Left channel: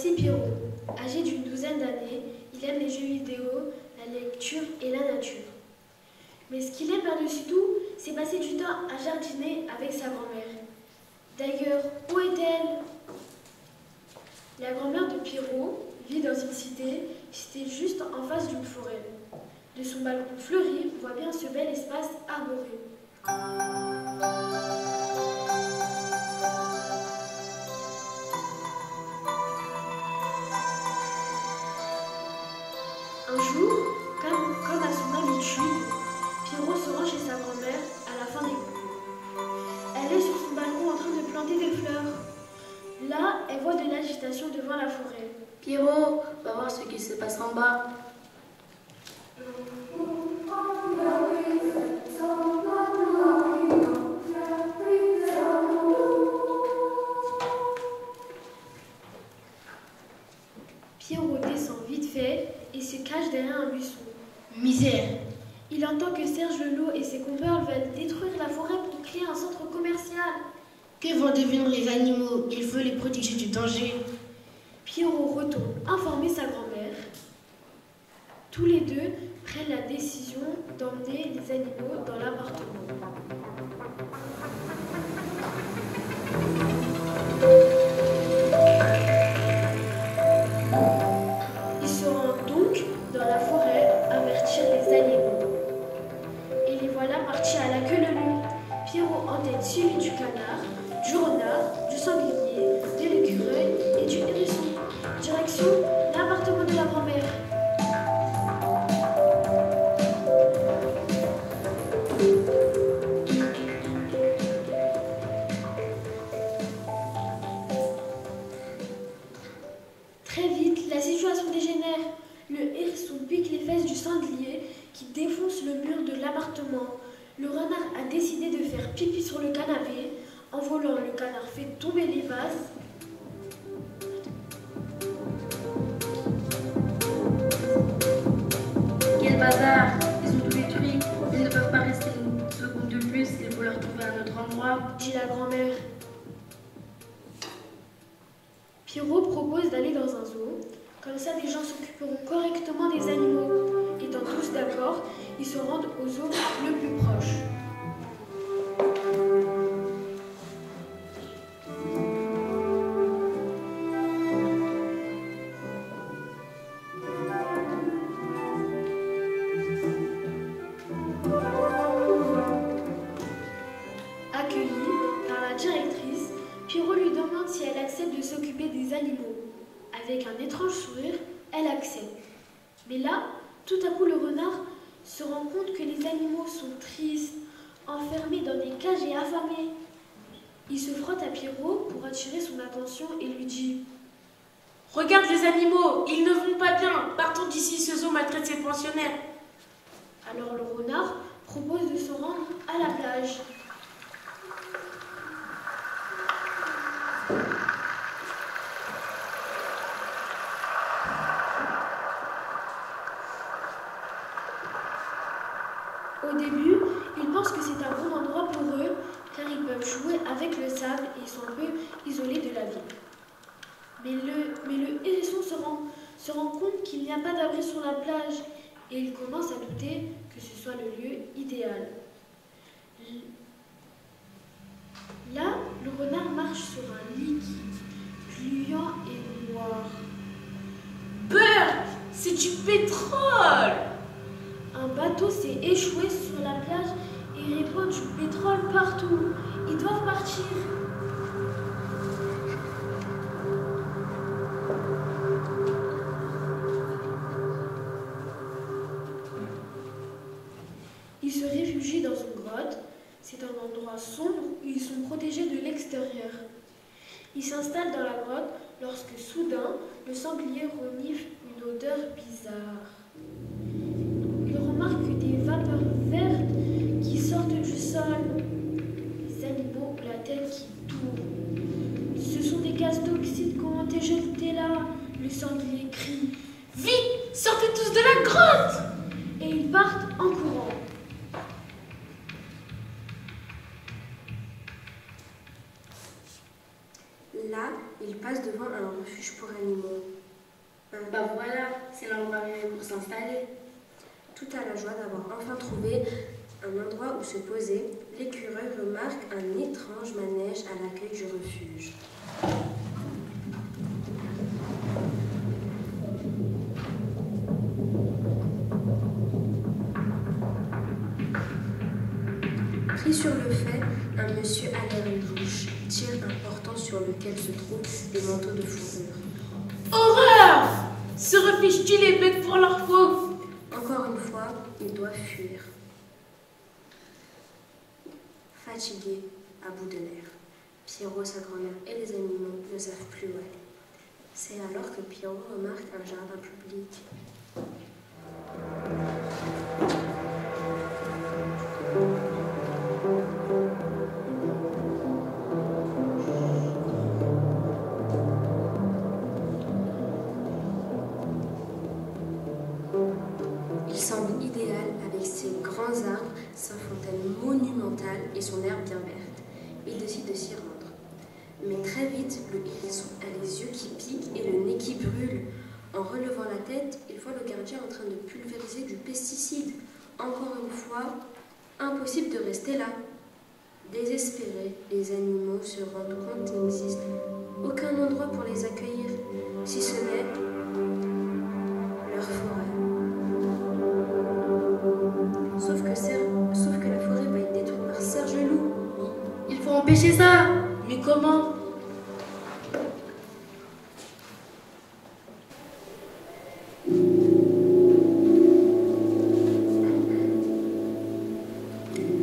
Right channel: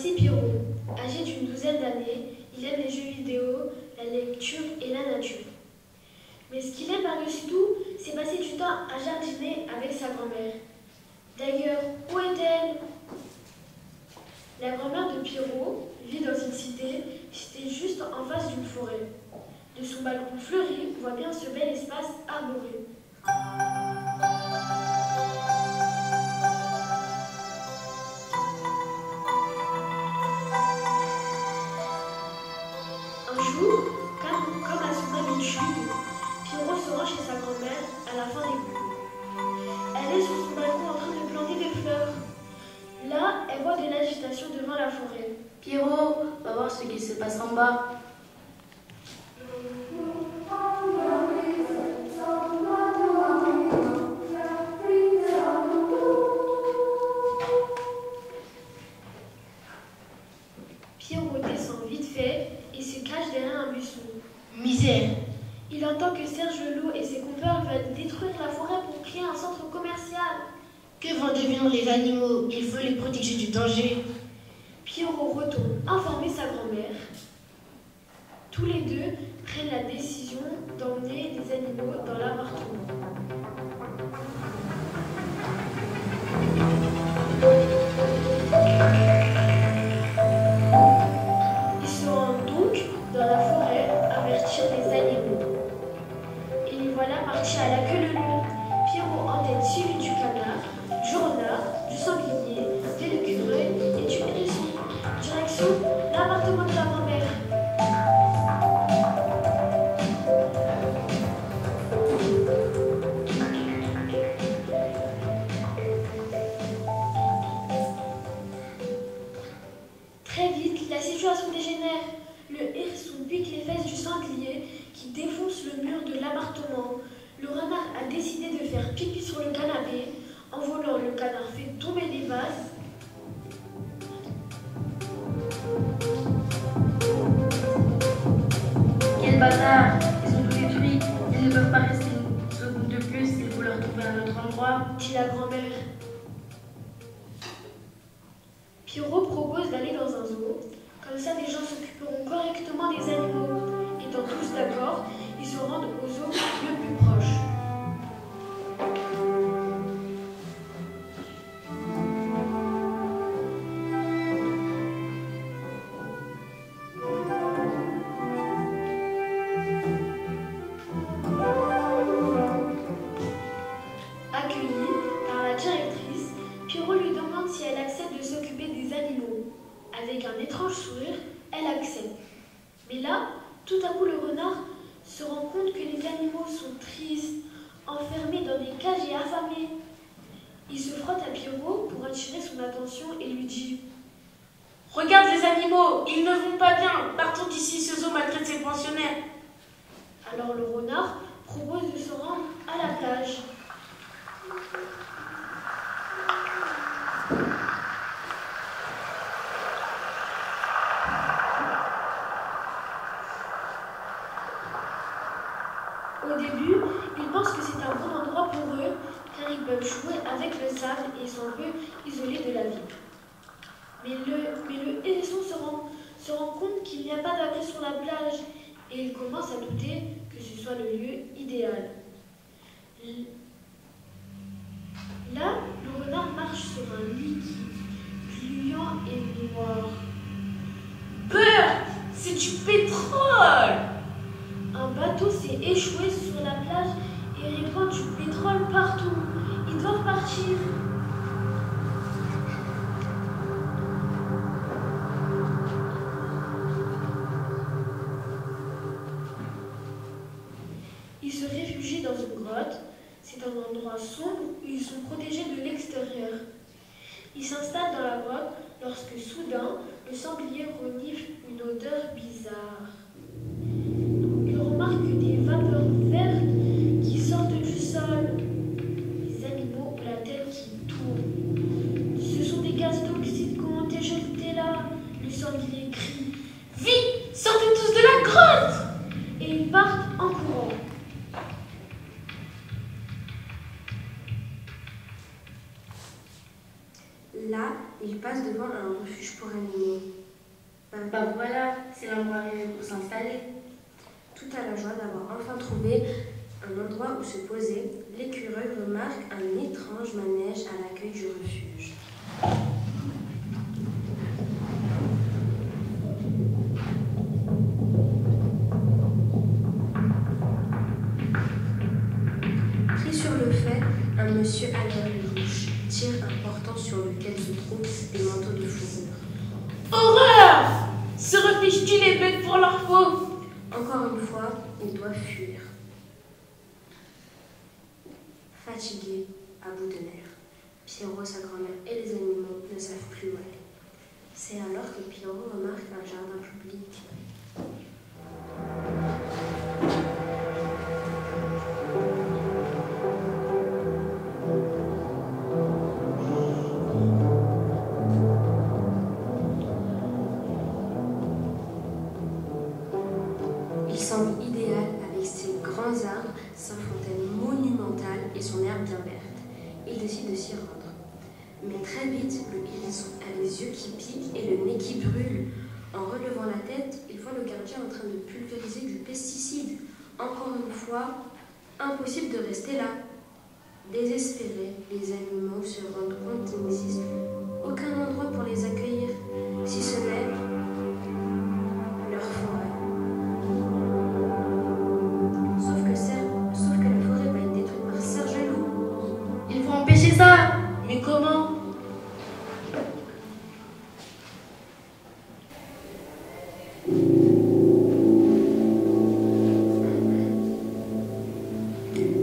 Voici Pierrot. Âgé d'une douzaine d'années, il aime les jeux vidéo, la lecture et la nature. Mais ce qu'il aime par-dessus tout, c'est passer du temps à jardiner avec sa grand-mère. D'ailleurs, où est-elle? La grand-mère de Pierrot vit dans une cité située juste en face d'une forêt. De son balcon fleuri, on voit bien ce bel espace arboré. Un jour, comme à son habitude, Pierrot se rend chez sa grand-mère à la fin des cours. Elle est sur son balcon en train de planter des fleurs. Là, elle voit de l'agitation devant la forêt. Pierrot, va voir ce qui se passe en bas. Pierrot descend vite fait et se cache derrière un buisson. Misère! Il entend que Serge Loup et ses compères veulent détruire la forêt pour créer un centre commercial. Que vont devenir les animaux? Il faut les protéger du danger. Pierrot retourne informer sa grand-mère. Tous les deux prennent la décision d'emmener les animaux dans l'appartement. Ils se rendent donc dans la forêt avertir les animaux. Et les voilà partis à la queue leu-leu. Pierrot en tête suivi du canard, du renard, du sanglier, de l'écureuil et du hérisson. Direction l'appartement de la grand-mère. Très vite, la situation dégénère. Le hérisson pique les fesses du sanglier qui défonce le mur de l'appartement. Le renard a décidé de faire pipi sur le canapé. En volant, le canard fait tomber les vases. Quel bazar! Ils ont tout détruit. Ils ne peuvent pas rester une seconde de plus. Il faut leur trouver un autre endroit. Dit la grand-mère. Pierrot propose d'aller dans un zoo. Comme ça, les gens s'occuperont correctement des animaux. Étant tous d'accord, ils se rendent au zoo le plus proche. Accueillie par la directrice, Pierrot lui demande si elle accepte de s'occuper des animaux. Avec un étrange sourire, elle accepte. Mais là, tout à coup, le renard se rend compte que les animaux sont tristes, enfermés dans des cages et affamés. Il se frotte à Pierrot pour attirer son attention et lui dit: Regarde les animaux, ils ne vont pas bien. Partons d'ici, ce zoo maltraite ses pensionnaires. Alors le renard propose de se rendre à la plage. Au début, ils pensent que c'est un bon endroit pour eux, car ils peuvent jouer avec le sable et sont un peu isolés de la ville. Mais le hérisson se rend compte qu'il n'y a pas d'abri sur la plage et il commence à douter que ce soit le lieu idéal. Là, le renard marche sur un liquide, gluant et noir. Peur, c'est du pétrole. Un bateau s'est échoué sur la plage et répand du pétrole partout. Ils doivent partir. Ils se réfugient dans une grotte. C'est un endroit sombre où ils sont protégés de l'extérieur. Ils s'installent dans la grotte lorsque soudain, le sanglier renifle une odeur bizarre. Il remarque des vapeurs vertes qui sortent du sol. Les animaux ont la tête qui tourne. Ce sont des gaz toxiques qui ont été jetés là. Le sanglier crie: Vite, sortez tous de la grotte. et ils partent en courant. Là, ils passe devant un refuge pour animaux. Bah voilà, c'est l'endroit rêvé pour s'installer. Tout à la joie d'avoir enfin trouvé un endroit où se poser, l'écureuil remarque un étrange manège à l'accueil du refuge. Pris sur le fait, un monsieur à l'oreille rouge tire un portant sur lequel se trouvent des manteaux de fourrure. Horreur! Se refuge-t-il les bêtes pour leur peau? Encore une fois, il doit fuir. Fatigué, à bout de nerfs, Pierrot, sa grand-mère et les animaux ne savent plus où aller. C'est alors que Pierrot remarque un jardin public. Il semble idéal avec ses grands arbres, sa fontaine monumentale et son herbe bien verte. Il décide de s'y rendre. Mais très vite, le hérisson a les yeux qui piquent et le nez qui brûle. En relevant la tête, il voit le gardien en train de pulvériser du pesticide. Encore une fois, impossible de rester là. Désespérés, les animaux se rendent compte qu'il n'existe aucun endroit pour les accueillir, si ce n'est leur forêt. Sauf que la forêt va être détruite par Serge le loup. Il faut empêcher ça. Mais comment?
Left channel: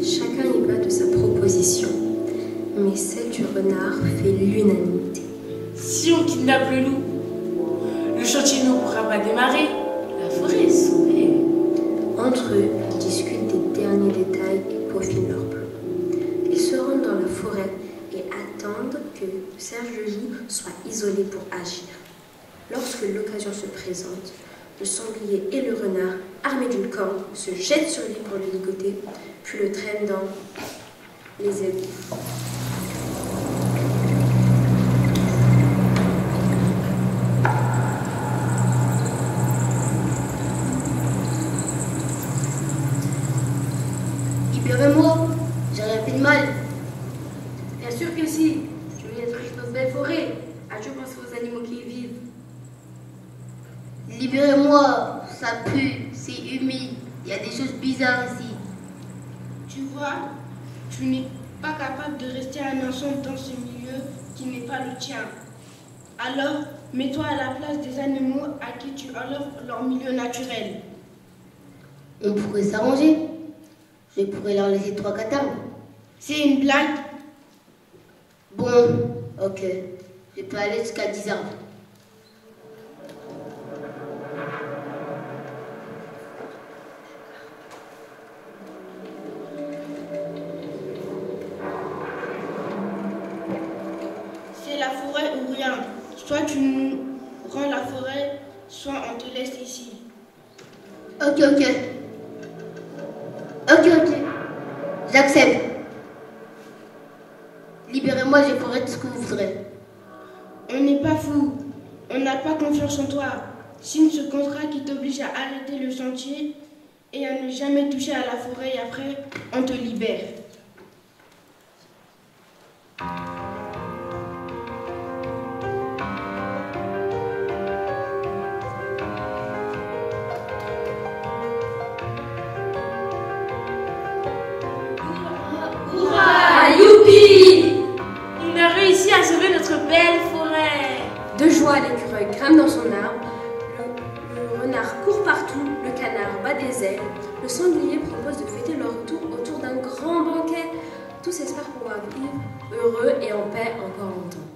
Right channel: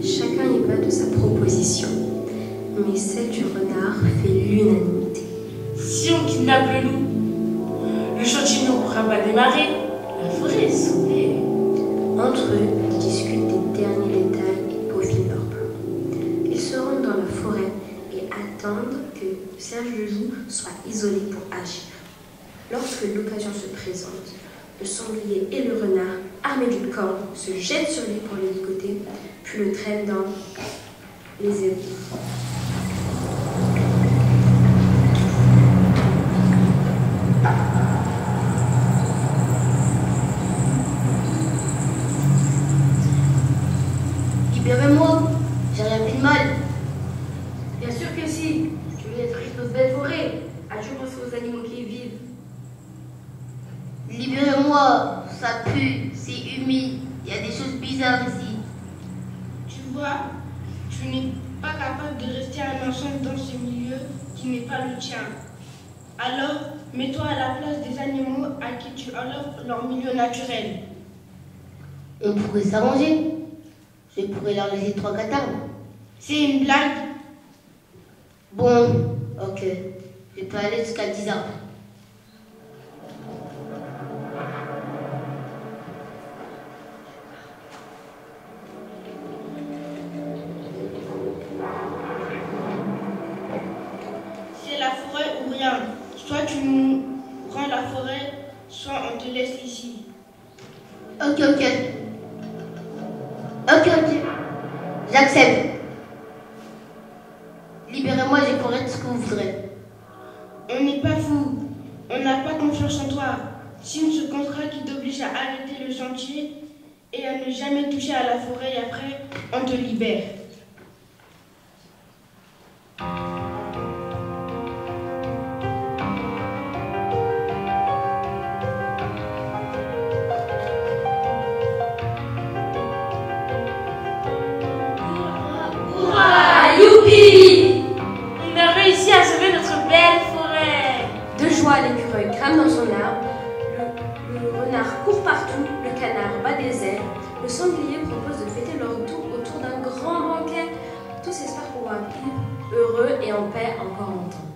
Chacun y va de sa proposition, mais celle du renard fait l'unanimité. Si on kidnappe le loup, le chantier ne pourra pas démarrer. La forêt est sauvée. Entre eux, ils discutent des derniers détails et peaufinent leur plan. Ils se rendent dans la forêt et attendent que Serge le loup soit isolé pour agir. Lorsque l'occasion se présente, le sanglier et le renard, armés d'une corde, se jettent sur lui pour le ligoter, puis le traînent dans les égouts. Libérez-moi, j'ai rien fait de mal. Bien sûr que si, tu veux détruire cette belle forêt. As-tu pensé aux animaux qui y vivent? Libérez-moi, ça pue, c'est humide, il y a des choses bizarres ici. Tu vois, tu n'es pas capable de rester un instant dans ce milieu qui n'est pas le tien. Alors, mets-toi à la place des animaux à qui tu offres leur milieu naturel. On pourrait s'arranger. Je pourrais leur laisser 3-4 arbres. C'est une blague. Bon, ok. Je peux aller jusqu'à 10 arbres. C'est la forêt ou rien. Soit tu nous rends la forêt, soit on te laisse ici. Ok, ok. Ok. J'accepte. Libérez-moi, je ferai tout ce que vous voudrez. On n'est pas fou. On n'a pas confiance en toi. Signe ce contrat qui t'oblige à arrêter le chantier et à ne jamais toucher à la forêt et après, on te libère. De joie, l'écureuil grimpe dans son arbre, le renard court partout, le canard bat des ailes, le sanglier propose de fêter leur retour autour d'un grand banquet. Tous espèrent pouvoir vivre heureux et en paix encore longtemps.